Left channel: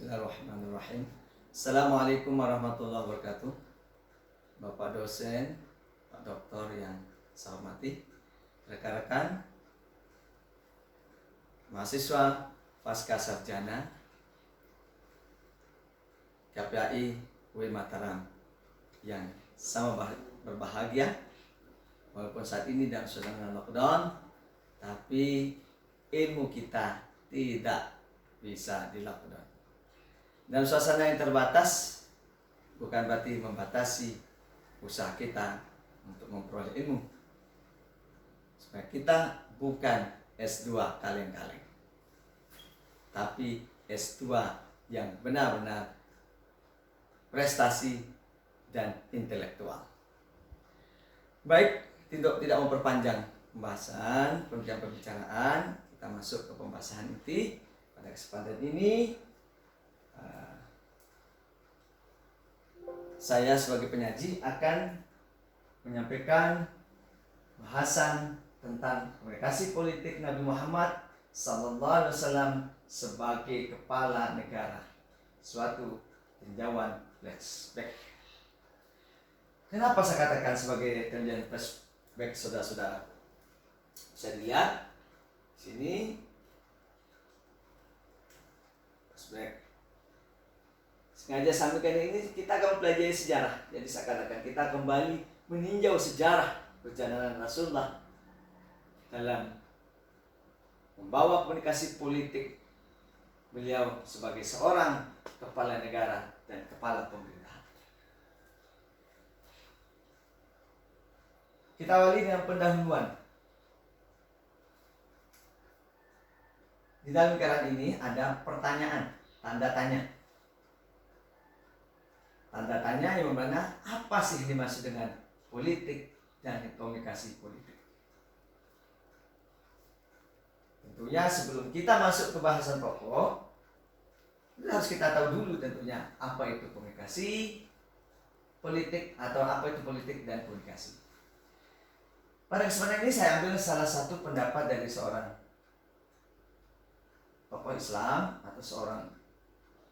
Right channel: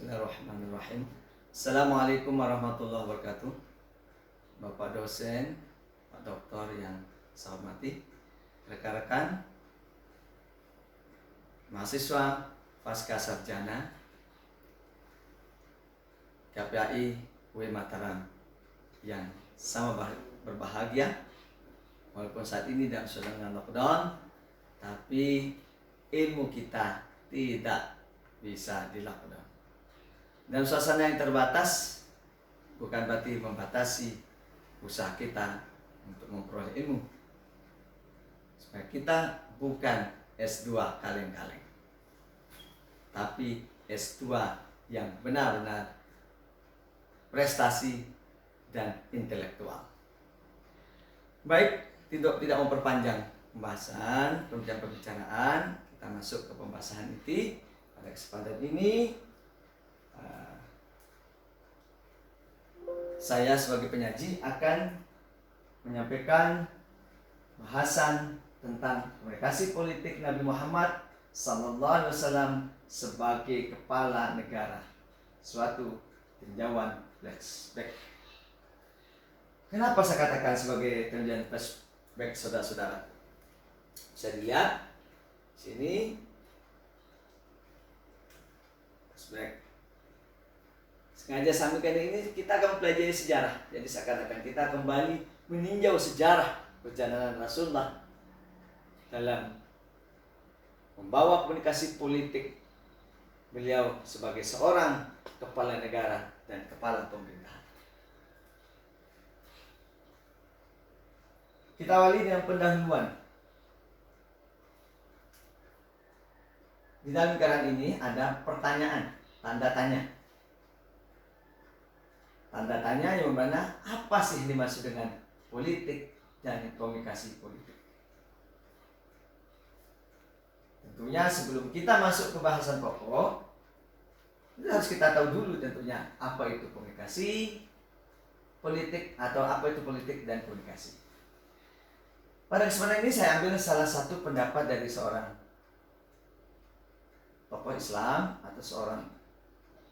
Bismillahirrahmanirrahim. Assalamualaikum warahmatullahi wabarakatuh. Bapak dosen, Pak Doktor yang saya hormati, rekan-rekan, mahasiswa pasca sarjana KPAI UI Mataram yang sama berbahagia, walaupun saat ini dalam suasana lockdown, tapi ilmu kita tidak bisa di lockdown. Dalam suasana yang terbatas bukan berarti membatasi usaha kita untuk memperoleh ilmu, supaya kita bukan S2 kaleng-kaleng, tapi S2 yang benar-benar prestasi dan intelektual. Baik, tidak memperpanjang pembicaraan, kita masuk ke pembahasan inti. Pada kesempatan ini saya sebagai penyaji akan menyampaikan bahasan tentang komunikasi politik Nabi Muhammad SAW sebagai kepala negara, suatu tinjauan flashback. Kenapa saya katakan sebagai tinjauan flashback, saudara-saudara? Bisa dilihat sini flashback. Sengaja sampaikan ini kita akan mempelajari sejarah. Jadi saya katakan kita kembali meninjau sejarah perjalanan Rasulullah dalam membawa komunikasi politik beliau sebagai seorang kepala negara dan kepala pemerintahan. Kita awali dengan pendahuluan. Di dalam lingkaran ini ada pertanyaan, tanda tanya. Tanda tanya yang mana apa sih dimaksud dengan politik dan komunikasi politik. Tentunya sebelum kita masuk ke bahasan pokok, harus kita tahu dulu tentunya apa itu komunikasi politik atau apa itu politik dan komunikasi. Pada kesempatan ini saya ambil salah satu pendapat dari seorang tokoh Islam atau seorang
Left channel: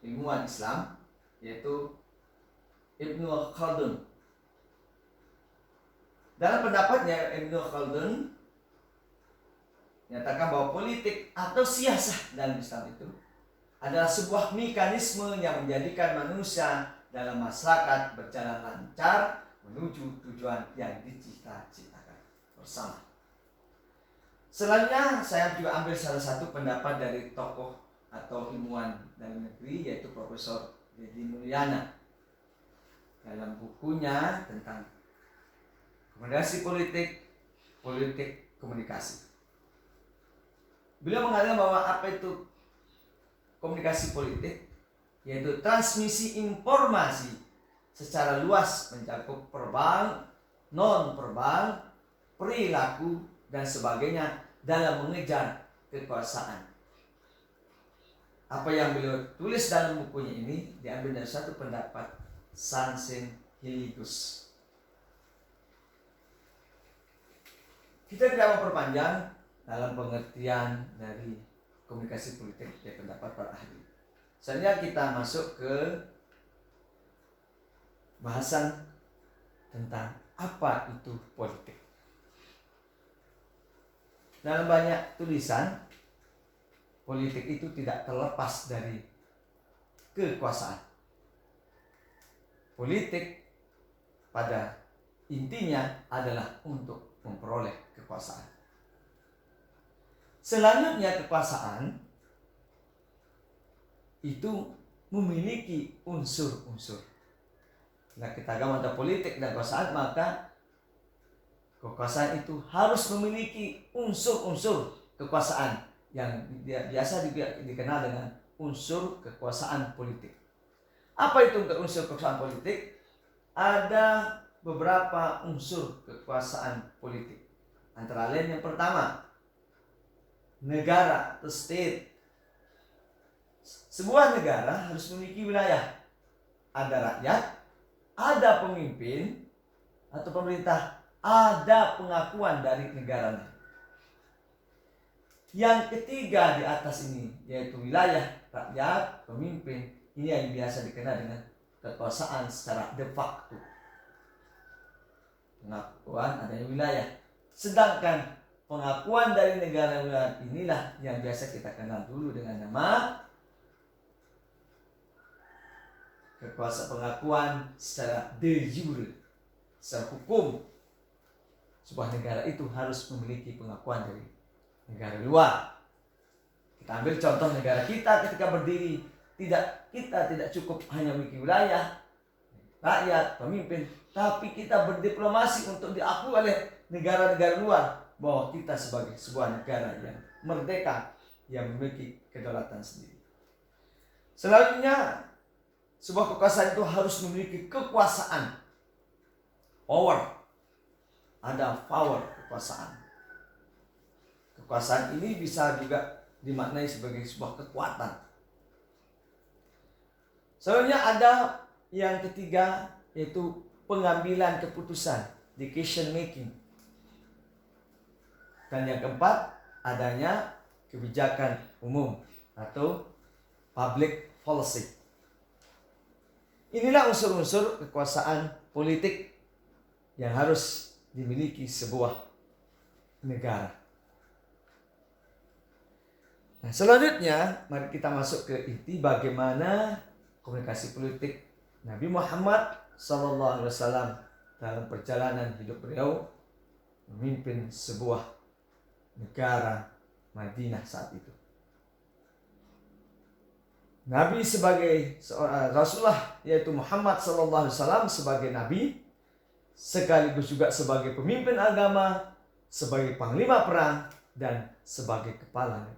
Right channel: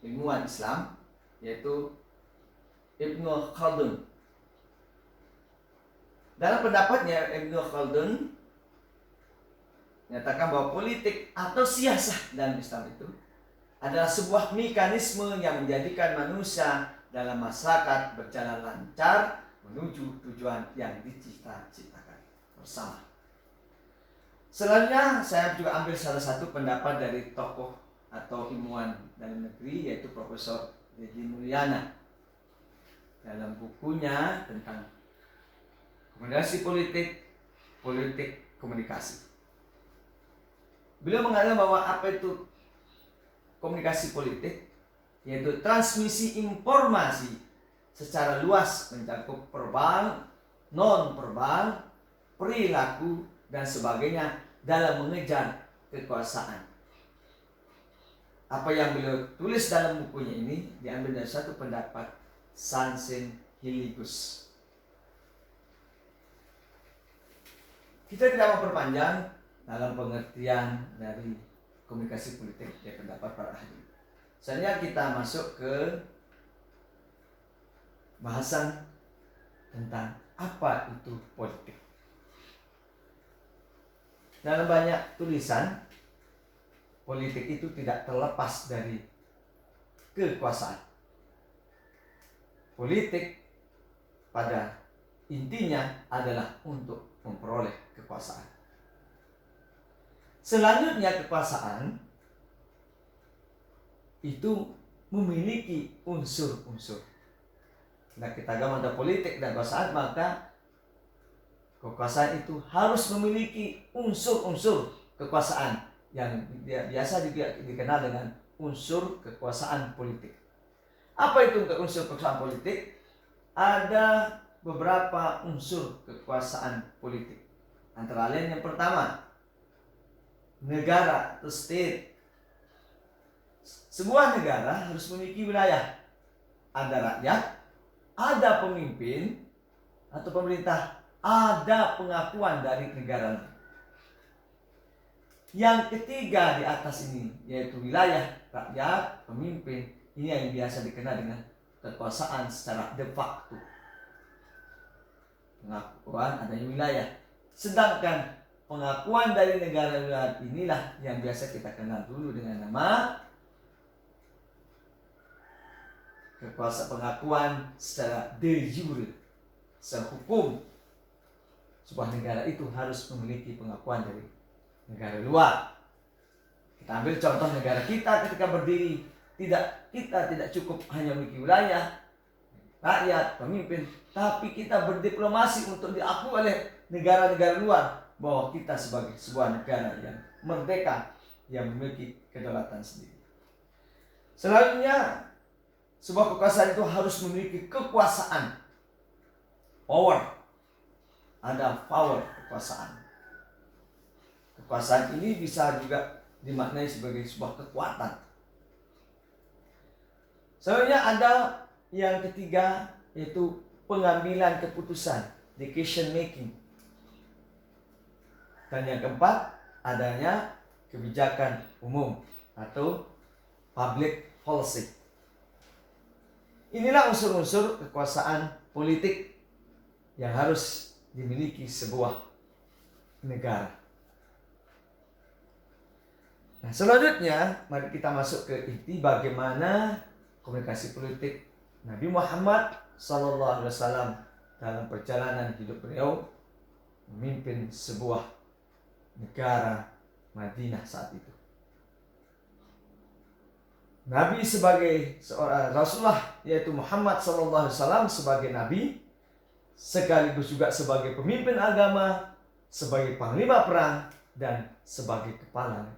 ilmuwan Islam, yaitu Ibnu Khaldun. Dalam pendapatnya, Ibnu Khaldun menyatakan bahwa politik atau siasah dalam Islam itu adalah sebuah mekanisme yang menjadikan manusia dalam masyarakat berjalan lancar menuju tujuan yang dicita-citakan bersama. Selanjutnya saya juga ambil salah satu pendapat dari tokoh atau ilmuwan dalam negeri, yaitu Profesor Deddy Mulyana. Dalam bukunya tentang komunikasi politik komunikasi, beliau mengatakan bahwa apa itu komunikasi politik, yaitu transmisi informasi secara luas mencakup verbal, non-verbal, perilaku, dan sebagainya dalam mengejar kekuasaan. Apa yang beliau tulis dalam bukunya ini diambil dari satu pendapat Sansin Hiligus. Kita tidak memperpanjang dalam pengertian dari komunikasi politik dari pendapat para ahli. Selanjutnya kita masuk ke bahasan tentang apa itu politik. Dalam banyak tulisan, politik itu tidak terlepas dari kekuasaan. Politik pada intinya adalah untuk memperoleh kekuasaan. Selanjutnya kekuasaan itu memiliki unsur-unsur. Nah, kita gambar politik dan kekuasaan, maka kekuasaan itu harus memiliki unsur-unsur kekuasaan yang biasa dikenal dengan unsur kekuasaan politik. Apa itu unsur kekuasaan politik? Ada beberapa unsur kekuasaan politik. Antara lain yang pertama, negara atau state. Sebuah negara harus memiliki wilayah. Ada rakyat, ada pemimpin atau pemerintah, ada pengakuan dari negara lain. Yang ketiga di atas ini, yaitu wilayah, rakyat, pemimpin, Ini yang biasa dikenal dengan kekuasaan secara de facto, pengakuan adanya wilayah. Sedangkan pengakuan dari negara luar inilah yang biasa kita kenal dulu dengan nama kekuasaan, pengakuan secara de jure, secara hukum. Sebuah negara itu harus memiliki pengakuan dari negara luar. Kita ambil contoh negara kita ketika berdiri, kita tidak cukup hanya memiliki wilayah, rakyat, pemimpin, tapi kita berdiplomasi untuk diakui oleh negara-negara luar bahwa kita sebagai sebuah negara yang merdeka, yang memiliki kedaulatan sendiri. Selanjutnya, sebuah kekuasaan itu harus memiliki kekuasaan, power. Ada power kekuasaan. Kekuasaan ini bisa juga dimaknai sebagai sebuah kekuatan. Selanjutnya ada yang ketiga, yaitu pengambilan keputusan, decision making. Dan yang keempat, adanya kebijakan umum atau public policy. Inilah unsur-unsur kekuasaan politik yang harus dimiliki sebuah negara. Nah, selanjutnya mari kita masuk ke inti bagaimana komunikasi politik Nabi Muhammad SAW dalam perjalanan hidup beliau memimpin sebuah negara Madinah saat itu. Nabi sebagai seorang Rasulullah, yaitu Muhammad SAW sebagai Nabi, sekaligus juga sebagai pemimpin agama, sebagai panglima perang, dan sebagai kepala negara.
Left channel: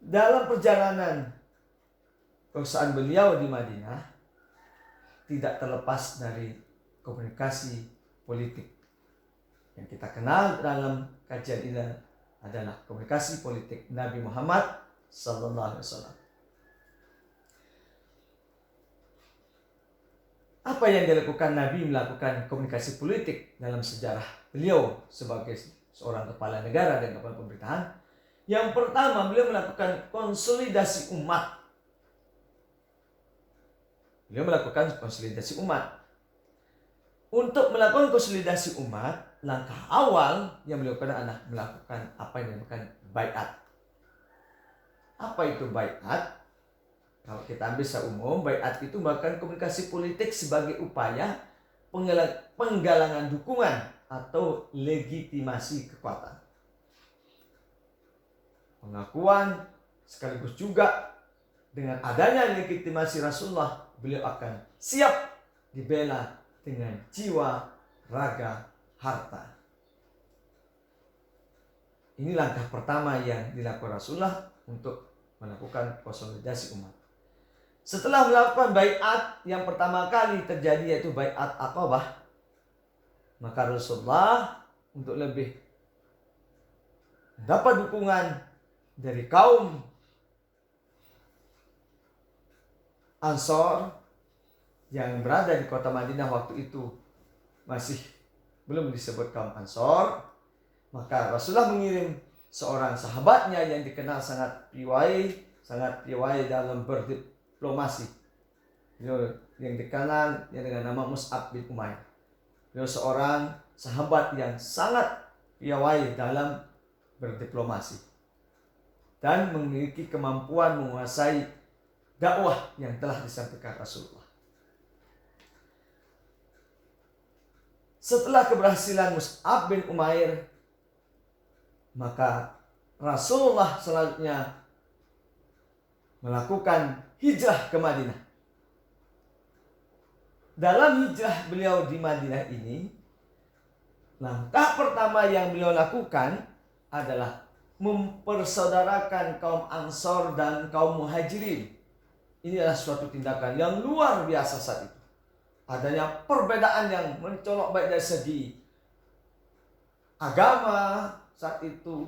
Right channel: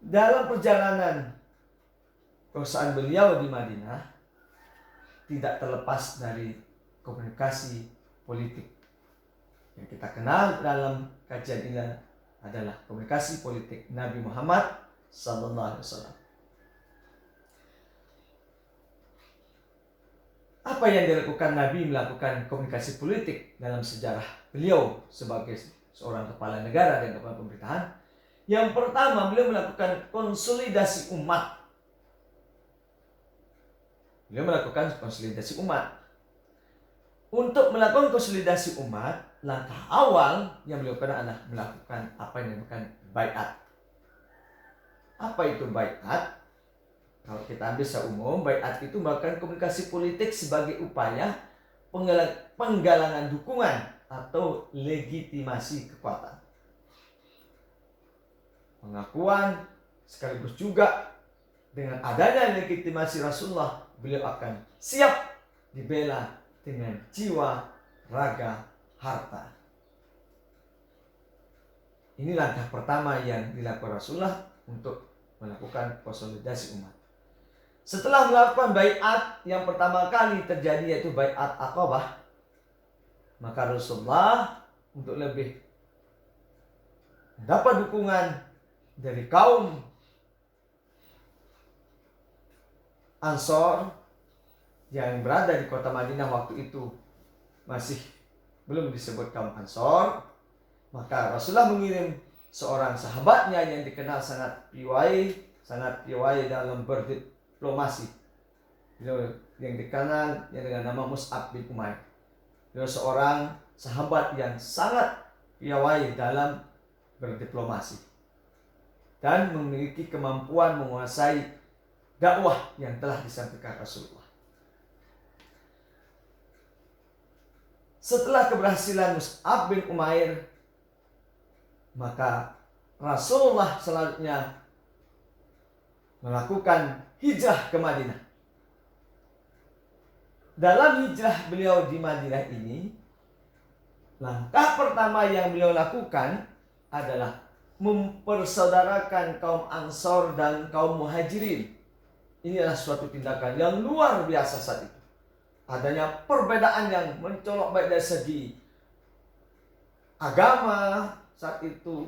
Dalam perjalanan kekuasaan beliau di Madinah, tidak terlepas dari komunikasi politik. Yang kita kenal dalam kajian ini adalah komunikasi politik Nabi Muhammad SAW. Apa yang dilakukan Nabi melakukan komunikasi politik dalam sejarah beliau sebagai seorang kepala negara dan kepala pemerintahan? Yang pertama, beliau melakukan konsolidasi umat. Untuk melakukan konsolidasi umat, langkah awal yang beliau lakukan adalah melakukan apa yang dinamakan baiat. Apa itu baiat? Kalau kita ambil secara umum, baiat itu melakukan komunikasi politik sebagai upaya penggalangan dukungan atau legitimasi kekuatan. Pengakuan sekaligus juga dengan adanya legitimasi Rasulullah, beliau akan siap dibela dengan jiwa, raga, harta. Ini langkah pertama yang dilakukan Rasulullah untuk melakukan konsolidasi umat. Setelah melakukan baiat yang pertama kali terjadi, yaitu baiat Aqabah, maka Rasulullah untuk lebih mendapat dukungan dari kaum Ansor yang berada di kota Madinah waktu itu masih belum disebut kaum Ansor, maka Rasulullah mengirim seorang sahabatnya yang dikenal sangat piawai dalam berdiplomasi, yang dikenal dengan nama Mus'ab bin Umair. Beliau seorang sahabat yang sangat piawai dalam berdiplomasi dan memiliki kemampuan menguasai dakwah yang telah disampaikan Rasulullah. Setelah keberhasilan Mus'ab bin Umair, maka Rasulullah selanjutnya melakukan hijrah ke Madinah. Dalam hijrah beliau di Madinah ini, langkah pertama yang beliau lakukan adalah mempersaudarakan kaum Ansor dan kaum Muhajirin. Ini adalah suatu tindakan yang luar biasa saat itu. Adanya perbedaan yang mencolok baik dari segi agama saat itu,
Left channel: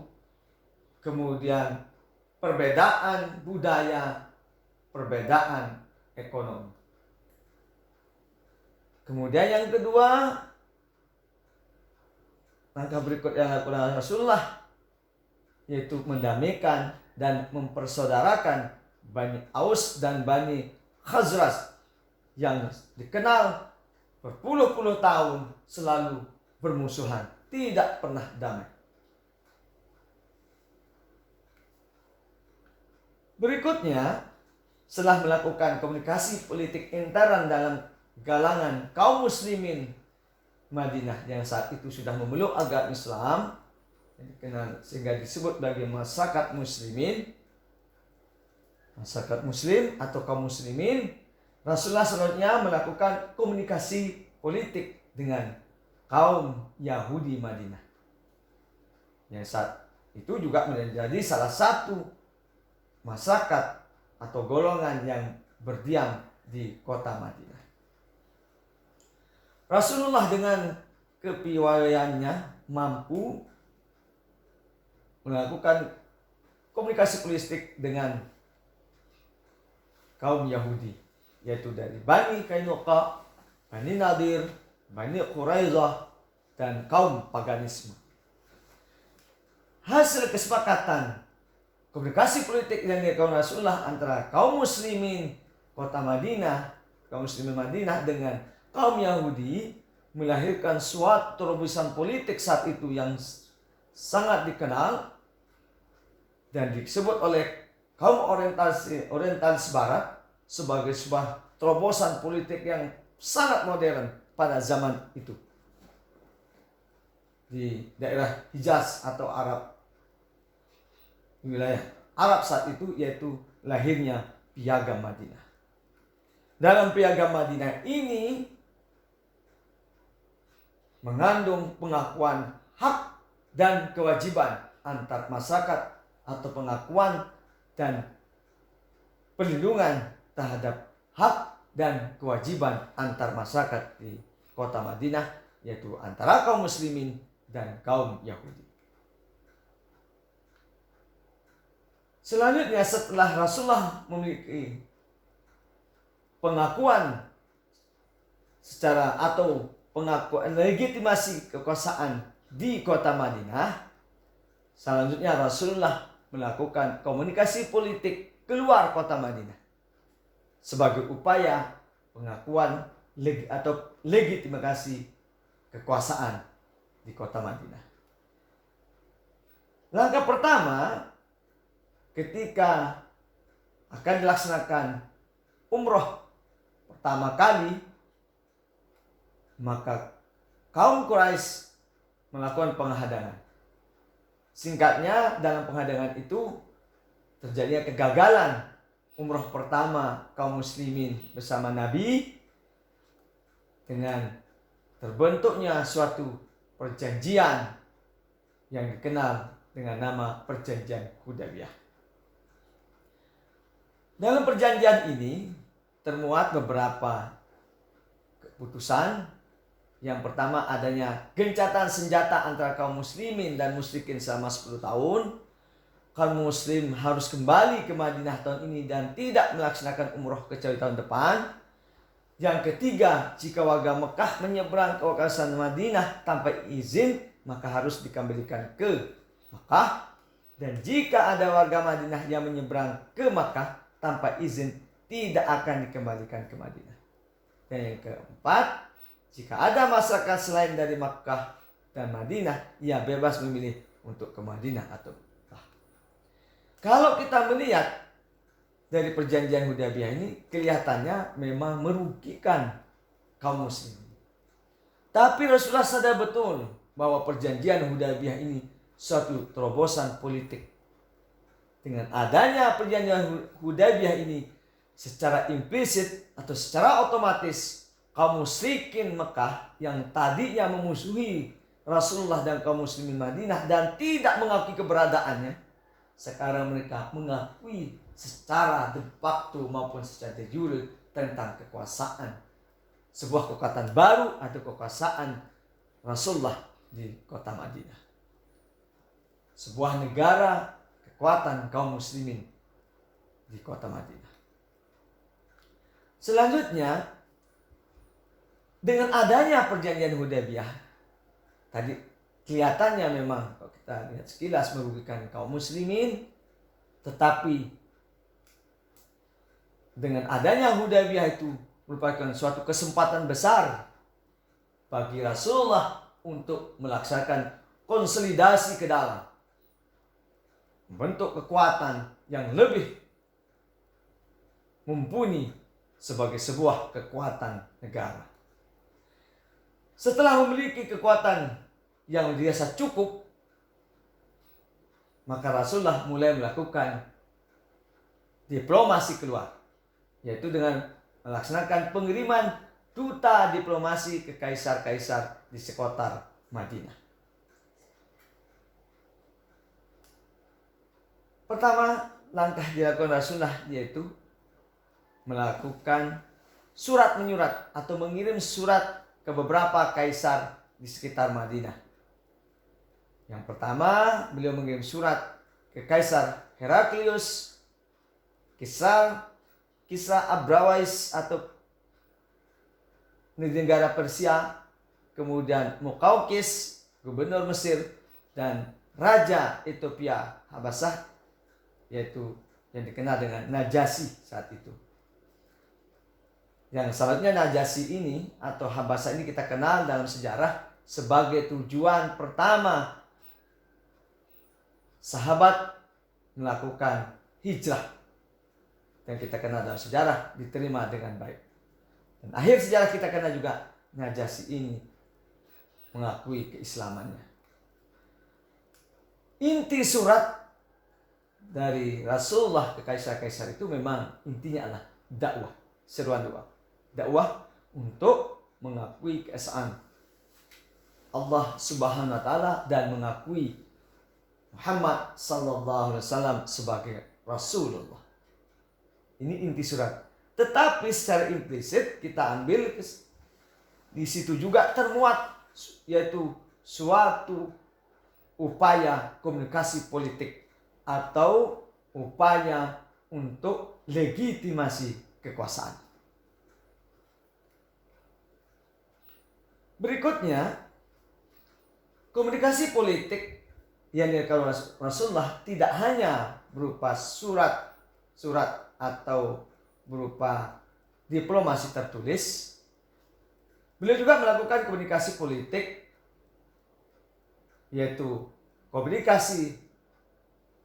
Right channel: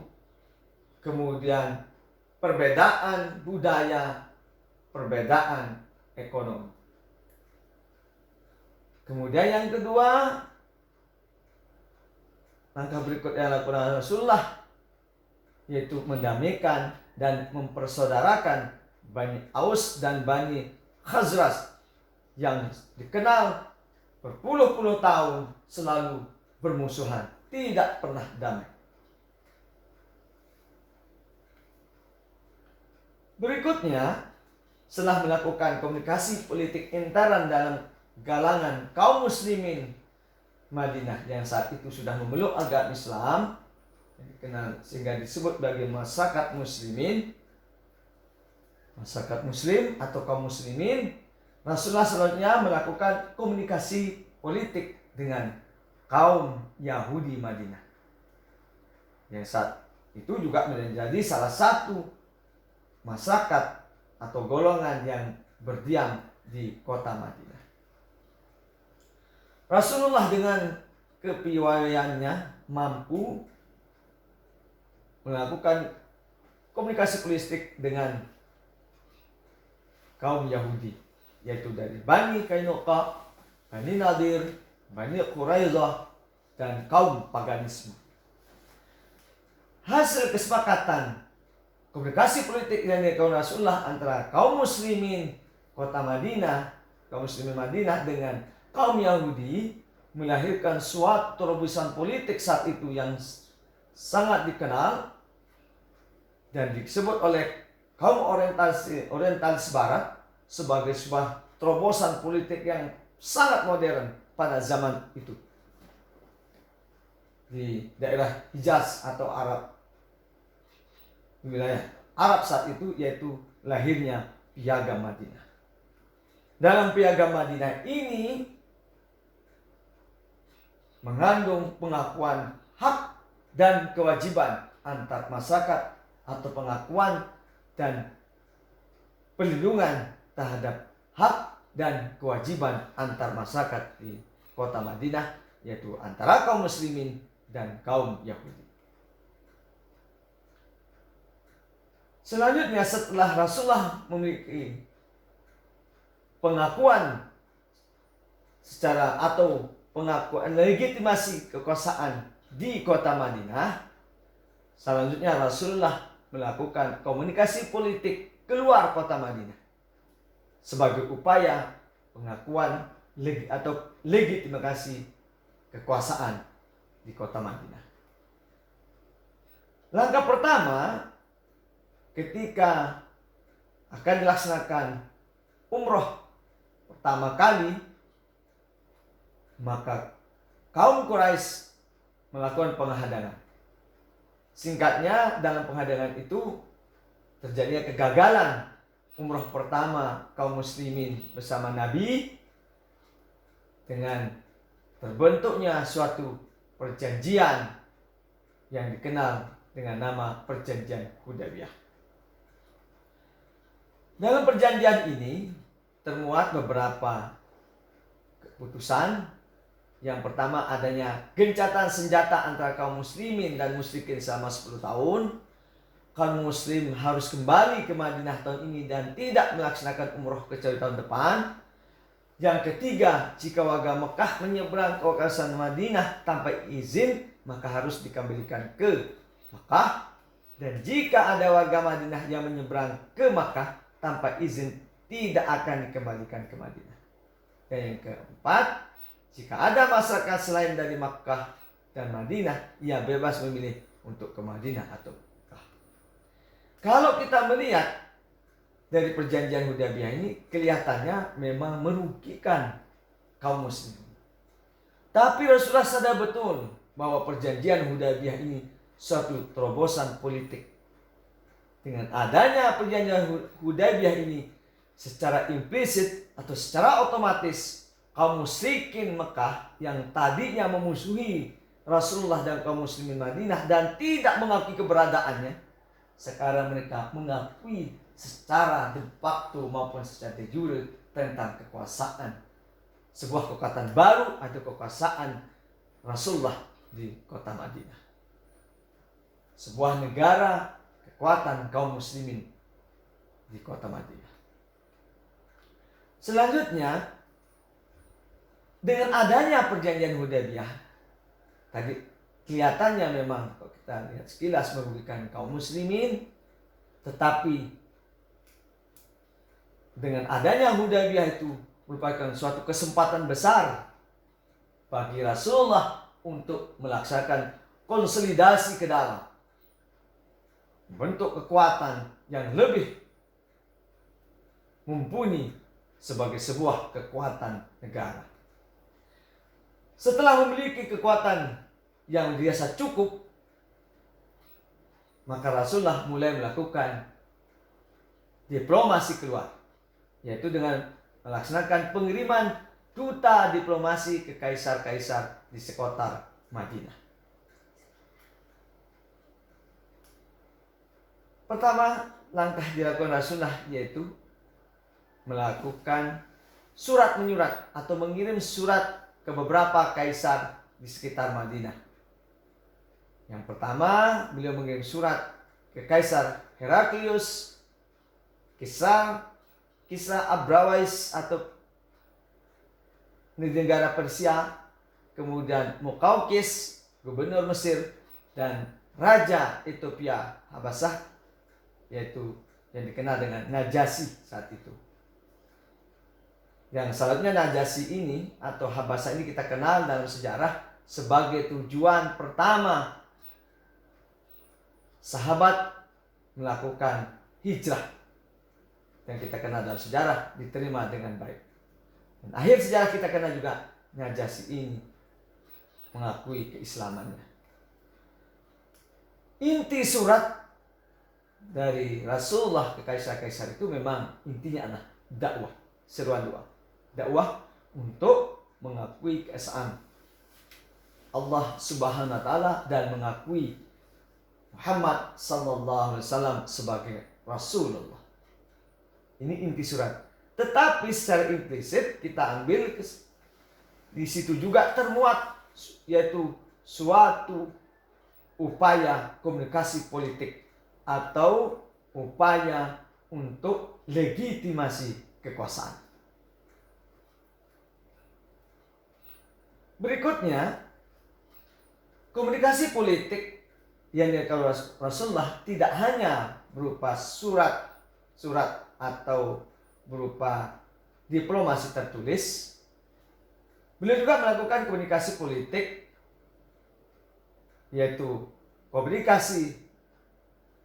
kemudian perbedaan budaya, perbedaan ekonomi. Kemudian yang kedua, langkah berikut yang dilakukan Rasulullah, yaitu mendamaikan dan mempersaudarakan Bani Aus dan Bani Khazraj yang dikenal berpuluh-puluh tahun selalu bermusuhan, tidak pernah damai. Berikutnya, setelah melakukan komunikasi politik intern dalam galangan kaum muslimin Madinah yang saat itu sudah memeluk agama Islam, sehingga disebut sebagai masyarakat muslimin, masyarakat muslim atau kaum muslimin, Rasulullah selanjutnya melakukan komunikasi politik dengan kaum Yahudi Madinah, yang saat itu juga menjadi salah satu masyarakat atau golongan yang berdiam di kota Madinah. Rasulullah dengan kepiawaiannya mampu melakukan komunikasi politik dengan kaum Yahudi, yaitu dari Bani Qainuqa, Bani Nadir, Bani Quraidah, dan kaum paganisme. Hasil kesepakatan komunikasi politik yang dilakukan Rasulullah antara kaum muslimin kota Madinah, kaum muslimin Madinah dengan kaum Yahudi melahirkan suatu terobosan politik saat itu yang sangat dikenal dan disebut oleh kaum orientalis barat sebagai sebuah terobosan politik yang sangat modern pada zaman itu di daerah Hijaz atau Arab, wilayah Arab saat itu, yaitu lahirnya Piagam Madinah. Dalam Piagam Madinah ini mengandung pengakuan hak dan kewajiban antar masyarakat atau pengakuan dan perlindungan terhadap hak dan kewajiban antar masyarakat di kota Madinah, yaitu antara kaum muslimin dan kaum Yahudi. Selanjutnya, setelah Rasulullah memiliki pengakuan secara atau pengakuan legitimasi kekuasaan di kota Madinah, selanjutnya Rasulullah melakukan komunikasi politik keluar kota Madinah sebagai upaya pengakuan atau legitimasi kekuasaan di kota Madinah. Langkah pertama, ketika akan dilaksanakan umroh pertama kali, maka kaum Quraisy melakukan penghadangan. Singkatnya, dalam penghadangan itu terjadi kegagalan umroh pertama kaum muslimin bersama Nabi dengan terbentuknya suatu perjanjian yang dikenal dengan nama Perjanjian Hudaybiyah. Dalam perjanjian ini termuat beberapa keputusan. Yang pertama, adanya gencatan senjata antara kaum muslimin dan musyrikin selama 10 tahun. Kaum muslim harus kembali ke Madinah tahun ini dan tidak melaksanakan umroh kecuali tahun depan. Yang ketiga, jika warga Mekah menyeberang ke kawasan Madinah tanpa izin, maka harus dikembalikan ke Mekah. Dan jika ada warga Madinah yang menyeberang ke Mekah tanpa izin, tidak akan dikembalikan ke Madinah. Dan yang keempat, jika ada masyarakat selain dari Makkah dan Madinah, ia bebas memilih untuk ke Madinah atau Makkah. Kalau kita melihat dari perjanjian Hudaybiyah ini, kelihatannya memang merugikan kaum muslimin. Tapi Rasulullah sadar betul bahwa perjanjian Hudaybiyah ini suatu terobosan politik. Dengan adanya perjanjian Hudaybiyah ini, secara implisit atau secara otomatis kaum musyrikin Mekah yang tadinya memusuhi Rasulullah dan kaum muslimin Madinah dan tidak mengakui keberadaannya, sekarang mereka mengakui secara de facto maupun secara de jure tentang kekuasaan, sebuah kekuatan baru atau kekuasaan Rasulullah di kota Madinah, sebuah negara kekuatan kaum muslimin di kota Madinah. Selanjutnya, dengan adanya perjanjian Hudaybiyah, tadi kelihatannya memang kalau kita lihat sekilas merugikan kaum muslimin, tetapi dengan adanya Hudaybiyah itu merupakan suatu kesempatan besar bagi Rasulullah untuk melaksanakan konsolidasi ke dalam, membentuk kekuatan yang lebih mumpuni sebagai sebuah kekuatan negara. Setelah memiliki kekuatan yang dirasa cukup, maka Rasulullah mulai melakukan diplomasi keluar, yaitu dengan melaksanakan pengiriman duta diplomasi ke kaisar-kaisar di sekitar Madinah. Pertama, langkah dilakukan Rasulullah yaitu melakukan surat menyurat atau mengirim surat ke beberapa kaisar di sekitar Madinah. Yang pertama, beliau mengirim surat ke Kaisar Heraklius, Kisra Abrawais atau negara Persia, kemudian Muqawqis, gubernur Mesir, dan Raja Ethiopia Habasah, yaitu yang dikenal dengan Najasyi saat itu. Yang selanjutnya Najasyi ini atau Habasah ini kita kenal dalam sejarah sebagai tujuan pertama sahabat melakukan hijrah, yang kita kenal dalam sejarah diterima dengan baik. Dan akhir sejarah kita kenal juga Najasyi ini mengakui keislamannya. Inti surat dari Rasulullah ke kaisar-kaisar itu memang intinya adalah dakwah, seruan doa. Dakwah untuk mengakui keesaan Allah Subhanahu wa taala dan mengakui Muhammad sallallahu alaihi wasallam sebagai Rasulullah. Ini inti surat. Tetapi secara implisit kita ambil di situ juga termuat yaitu suatu upaya komunikasi politik atau upaya untuk legitimasi kekuasaan. Berikutnya, komunikasi politik yang dilakukan Rasulullah tidak hanya berupa surat atau berupa diplomasi tertulis. Beliau juga melakukan komunikasi politik, yaitu komunikasi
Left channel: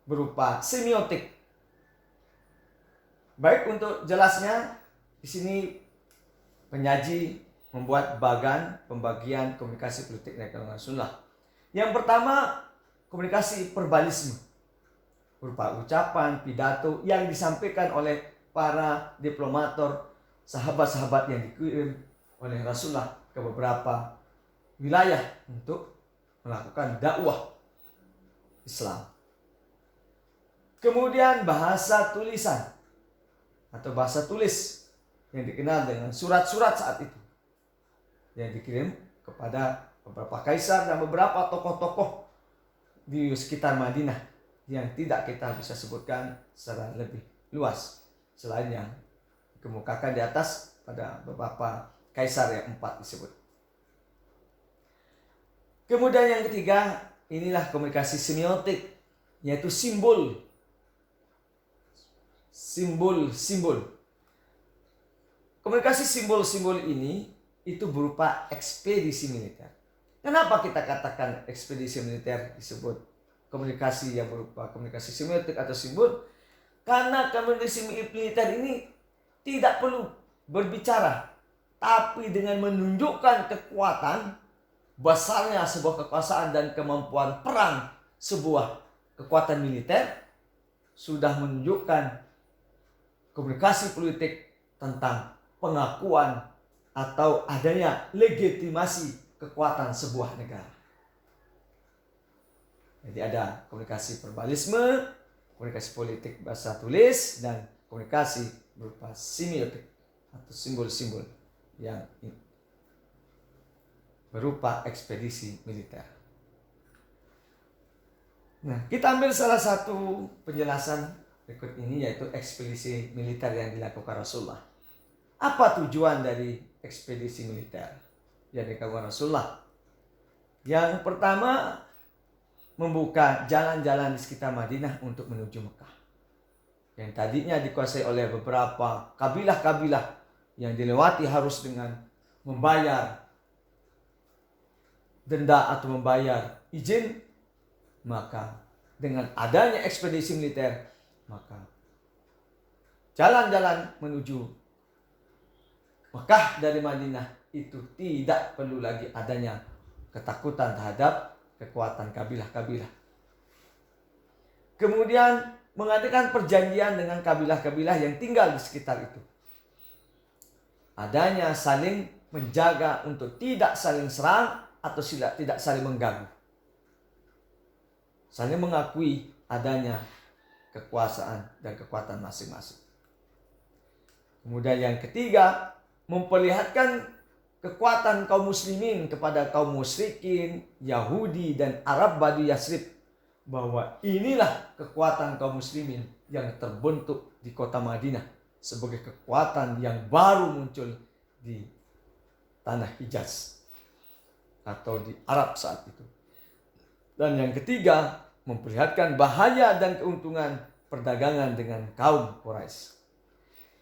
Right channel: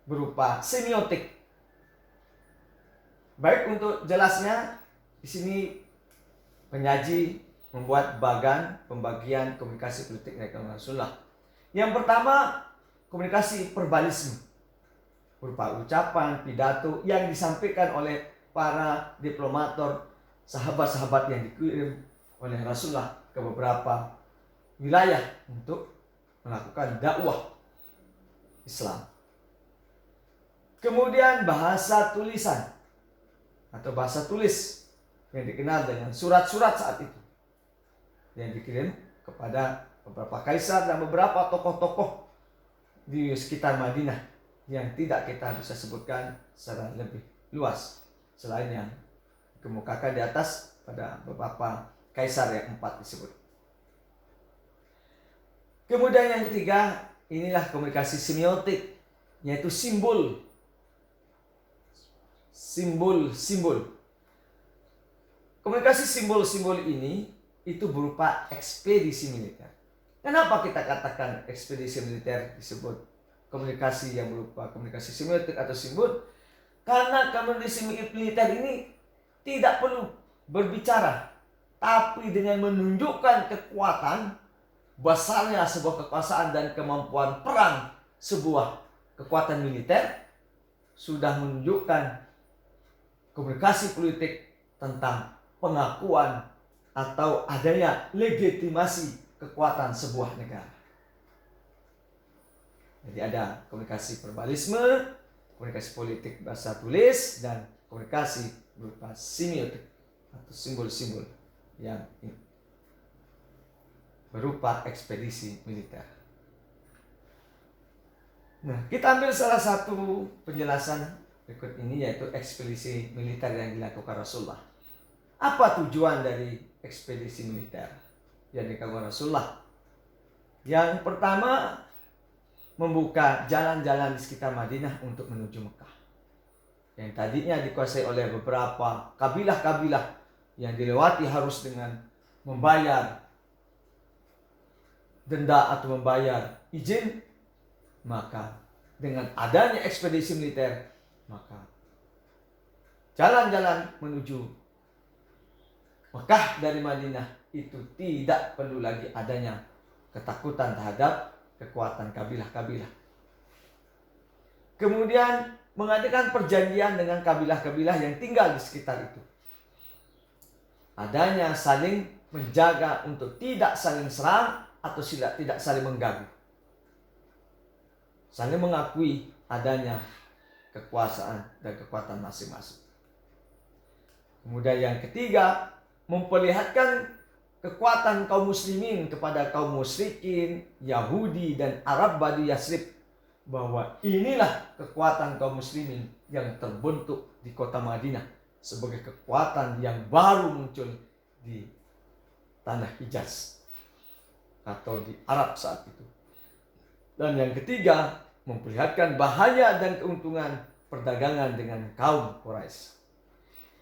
berupa semiotik. Baik, untuk jelasnya di sini penyaji membuat pembagian komunikasi politik dari Rasulullah. Yang pertama, komunikasi verbalisme berupa ucapan, pidato yang disampaikan oleh para diplomator, sahabat-sahabat yang dikirim oleh Rasulullah ke beberapa wilayah untuk melakukan dakwah Islam. Kemudian bahasa tulisan atau bahasa tulis yang dikenal dengan surat-surat saat itu, yang dikirim kepada beberapa kaisar dan beberapa tokoh-tokoh di sekitar Madinah yang tidak kita bisa sebutkan secara lebih luas selain yang dikemukakan di atas pada beberapa kaisar yang 4 disebut. Kemudian yang ketiga, inilah komunikasi semiotik, yaitu simbol. Komunikasi simbol-simbol ini itu berupa ekspedisi militer. Kenapa kita katakan ekspedisi militer disebut komunikasi yang berupa komunikasi semiotik atau simbol? Karena komunikasi militer ini tidak perlu berbicara, tapi dengan menunjukkan kekuatan besarnya sebuah kekuasaan dan kemampuan perang sebuah kekuatan militer sudah menunjukkan komunikasi politik tentang pengakuan atau adanya legitimasi kekuatan sebuah negara. Jadi ada komunikasi verbalisme, komunikasi politik bahasa tulis, dan komunikasi berupa semiotik atau simbol-simbol yang berupa ekspedisi militer. Nah, kita ambil salah satu penjelasan berikut ini, yaitu ekspedisi militer yang dilakukan Rasulullah. Apa tujuan dari ekspedisi militer yang dilakukan Rasulullah? Yang pertama, membuka jalan-jalan di sekitar Madinah untuk menuju Mekah, yang tadinya dikuasai oleh beberapa kabilah-kabilah yang dilewati harus dengan membayar denda atau membayar izin. Maka dengan adanya ekspedisi militer, maka jalan-jalan menuju Mekah dari Madinah itu tidak perlu lagi adanya ketakutan terhadap kekuatan kabilah-kabilah. Kemudian mengadakan perjanjian dengan kabilah-kabilah yang tinggal di sekitar itu. Adanya saling menjaga untuk tidak saling serang atau tidak saling mengganggu. Saling mengakui adanya kekuasaan dan kekuatan masing-masing. Kemudian yang ketiga, memperlihatkan kekuatan kaum muslimin kepada kaum musyrikin, Yahudi dan Arab Badu Yasrib, bahwa inilah kekuatan kaum muslimin yang terbentuk di kota Madinah sebagai kekuatan yang baru muncul di tanah Hijaz atau di Arab saat itu. Dan yang ketiga, memperlihatkan bahaya dan keuntungan perdagangan dengan kaum Quraisy.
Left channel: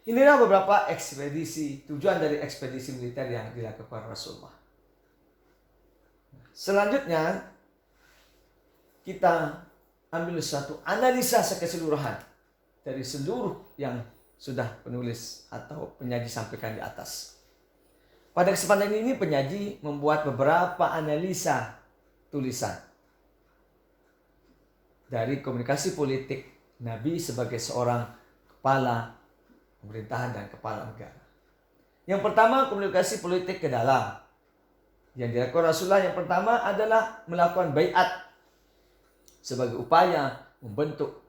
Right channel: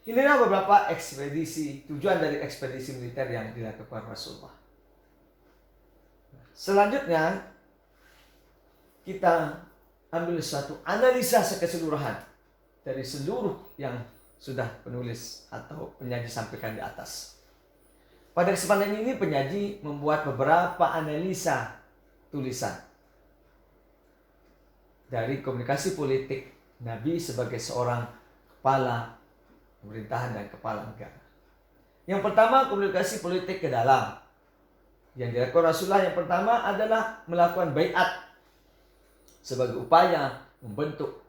Inilah beberapa tujuan dari ekspedisi militer yang dilakukan Rasulullah. Selanjutnya, kita ambil suatu analisa keseluruhan dari seluruh yang sudah penulis atau penyaji sampaikan di atas. Pada kesempatan ini penyaji membuat beberapa analisa tulisan dari komunikasi politik Nabi sebagai seorang kepala pemerintahan dan kepala negara. Yang pertama, komunikasi politik ke dalam. Yang dilakukan Rasulullah yang pertama adalah melakukan baiat sebagai upaya membentuk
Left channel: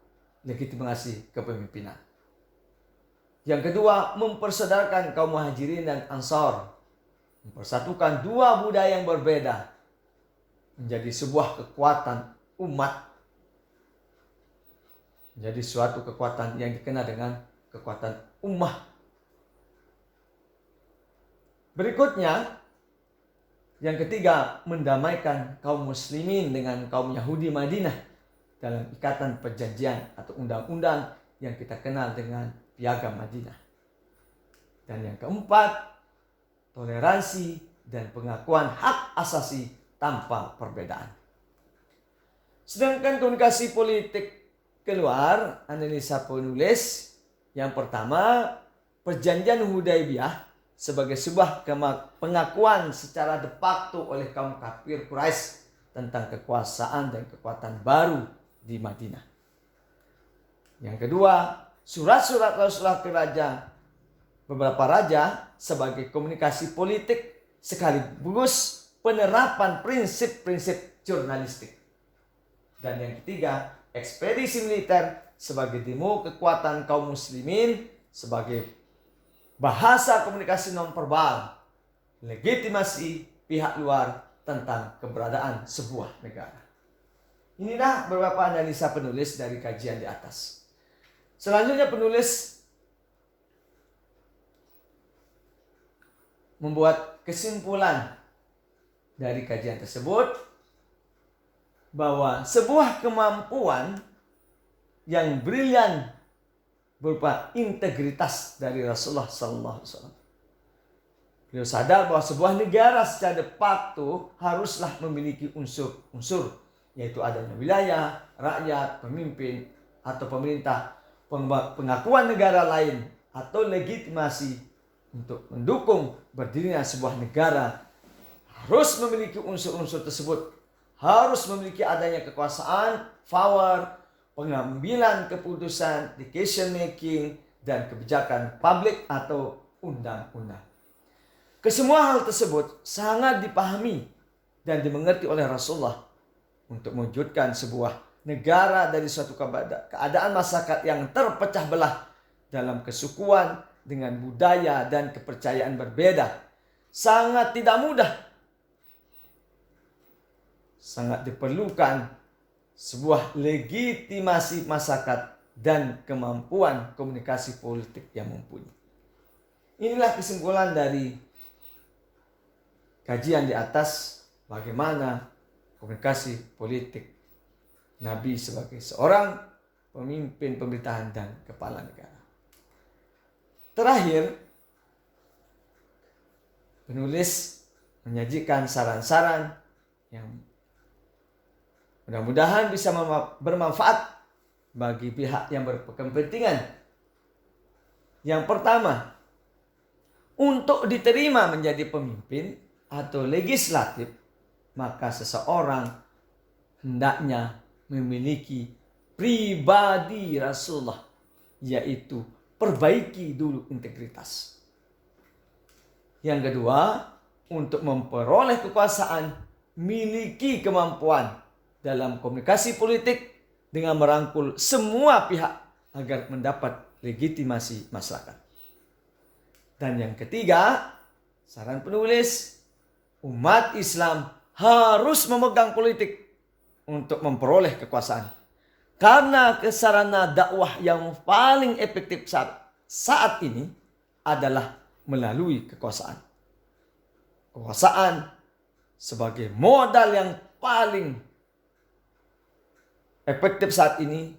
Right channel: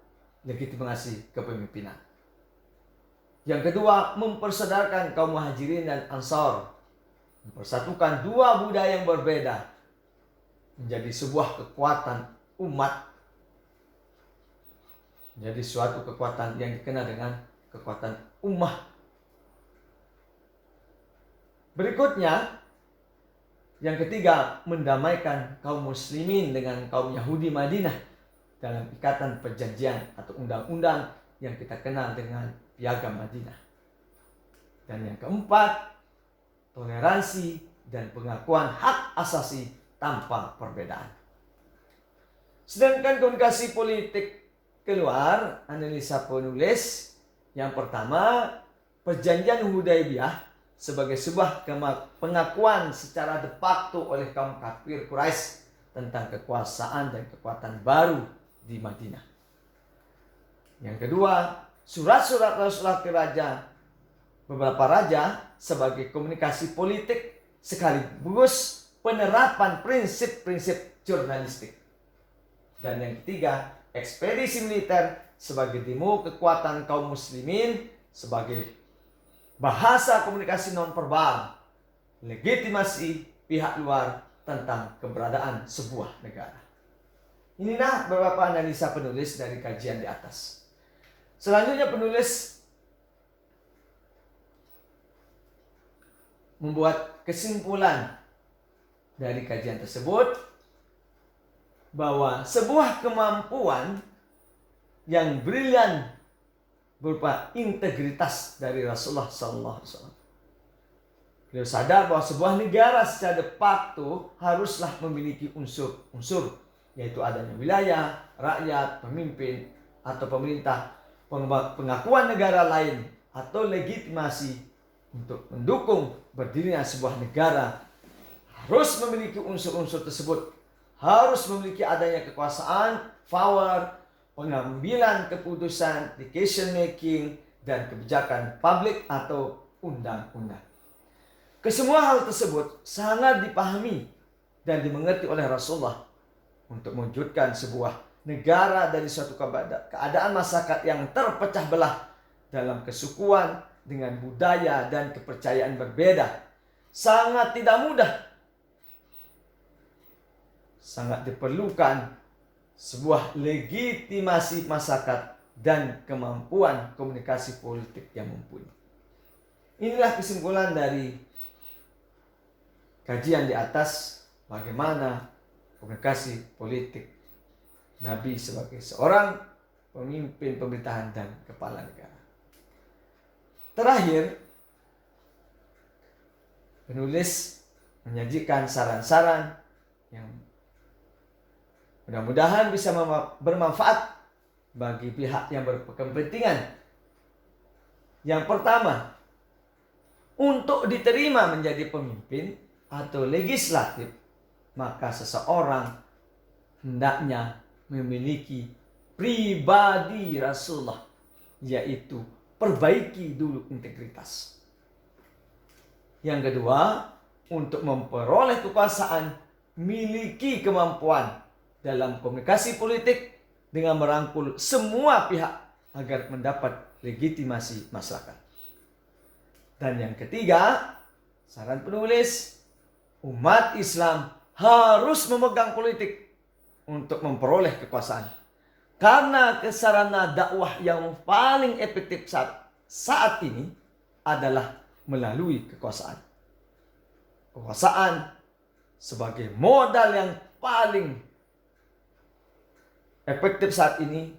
legitimasi kepemimpinan. Yang kedua, mempersaudarkan kaum Muhajirin dan Ansar, mempersatukan dua budaya yang berbeda menjadi sebuah kekuatan umat, menjadi suatu kekuatan yang dikenal dengan kekuatan ummah. Berikutnya, yang ketiga, mendamaikan kaum muslimin dengan kaum Yahudi Madinah dalam ikatan perjanjian atau undang-undang yang kita kenal dengan Piagam Madinah. Dan yang keempat, toleransi dan pengakuan hak asasi tanpa perbedaan. Sedangkan komunikasi politik keluar, analisa penulis, yang pertama, perjanjian Hudaibiyah sebagai sebuah pengakuan secara de facto oleh kaum kafir Quraisy tentang kekuasaan dan kekuatan baru di Madinah. Yang kedua, surat-surat Rasulullah ke beberapa raja sebagai komunikasi politik sekaligus penerapan prinsip-prinsip jurnalistik. Dan yang ketiga, ekspedisi militer sebagai demo kekuatan kaum muslimin, sebagai bahasa komunikasi non-verbal, legitimasi pihak luar tentang keberadaan sebuah negara. Inilah beberapa analisa penulis dari kajian di atas. Selanjutnya penulis membuat kesimpulan dari kajian tersebut bahwa sebuah kemampuan yang brilian berupa integritas dari Rasulullah SAW. Beliau sadar bahwa sebuah negara secara de facto haruslah memiliki unsur-unsur, yaitu adanya wilayah, rakyat, pemimpin atau pemerintah, pengakuan negara lain atau legitimasi untuk mendukung berdirinya sebuah negara harus memiliki unsur-unsur tersebut, harus memiliki adanya kekuasaan, power, pengambilan keputusan, decision making, dan kebijakan publik atau undang-undang. Kesemua hal tersebut sangat dipahami dan dimengerti oleh Rasulullah untuk mewujudkan sebuah negara dari suatu keadaan masyarakat yang terpecah belah dalam kesukuan dengan budaya dan kepercayaan berbeda. Sangat tidak mudah. Sangat diperlukan sebuah legitimasi masyarakat dan kemampuan komunikasi politik yang mumpuni. Inilah kesimpulan dari kajian di atas, bagaimana komunikasi politik Nabi sebagai seorang pemimpin pemerintahan dan kepala negara. Terakhir, penulis menyajikan saran-saran yang mudah-mudahan bisa bermanfaat bagi pihak yang berkepentingan. Yang pertama, untuk diterima menjadi pemimpin atau legislatif, maka seseorang hendaknya memiliki pribadi Rasulullah, yaitu perbaiki dulu integritas. Yang kedua, untuk memperoleh kekuasaan, miliki kemampuan dalam komunikasi politik dengan merangkul semua pihak agar mendapat legitimasi masyarakat. Dan yang ketiga, saran penulis, umat Islam harus memegang politik untuk memperoleh kekuasaan. Karena sarana dakwah yang paling efektif saat ini adalah melalui kekuasaan. Kekuasaan sebagai modal yang paling efektif saat ini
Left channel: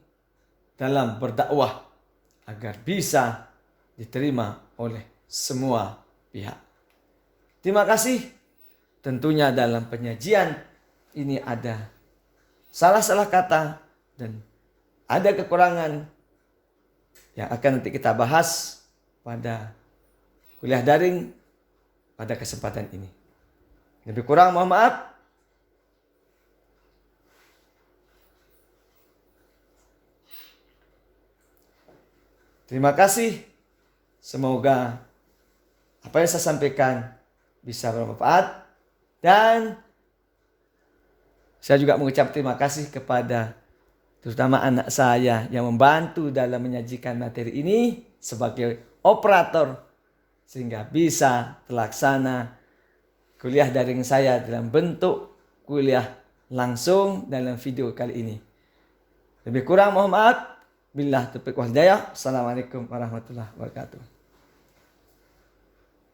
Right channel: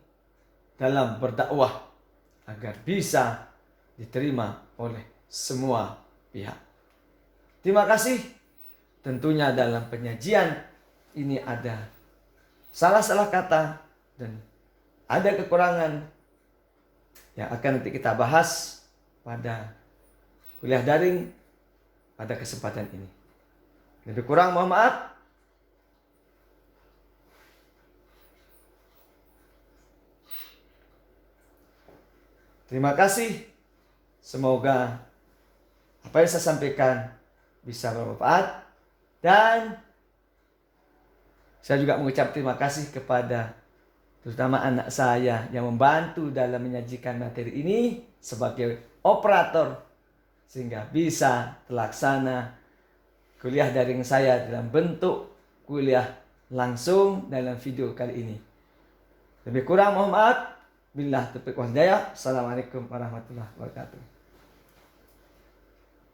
dalam berdakwah agar bisa diterima oleh semua pihak. Terima kasih. Tentunya dalam penyajian ini ada salah-salah kata dan ada kekurangan yang akan nanti kita bahas pada kuliah daring pada kesempatan ini. Lebih kurang mohon maaf. Terima kasih. Semoga apa yang saya sampaikan bisa bermanfaat, dan saya juga mengucap terima kasih kepada terutama anak saya yang membantu dalam menyajikan materi ini sebagai operator sehingga bisa terlaksana kuliah daring saya dalam bentuk kuliah langsung dalam video kali ini. Lebih kurang mohon maaf. Billah taufiq wal hidayah. Assalamualaikum warahmatullahi wabarakatuh.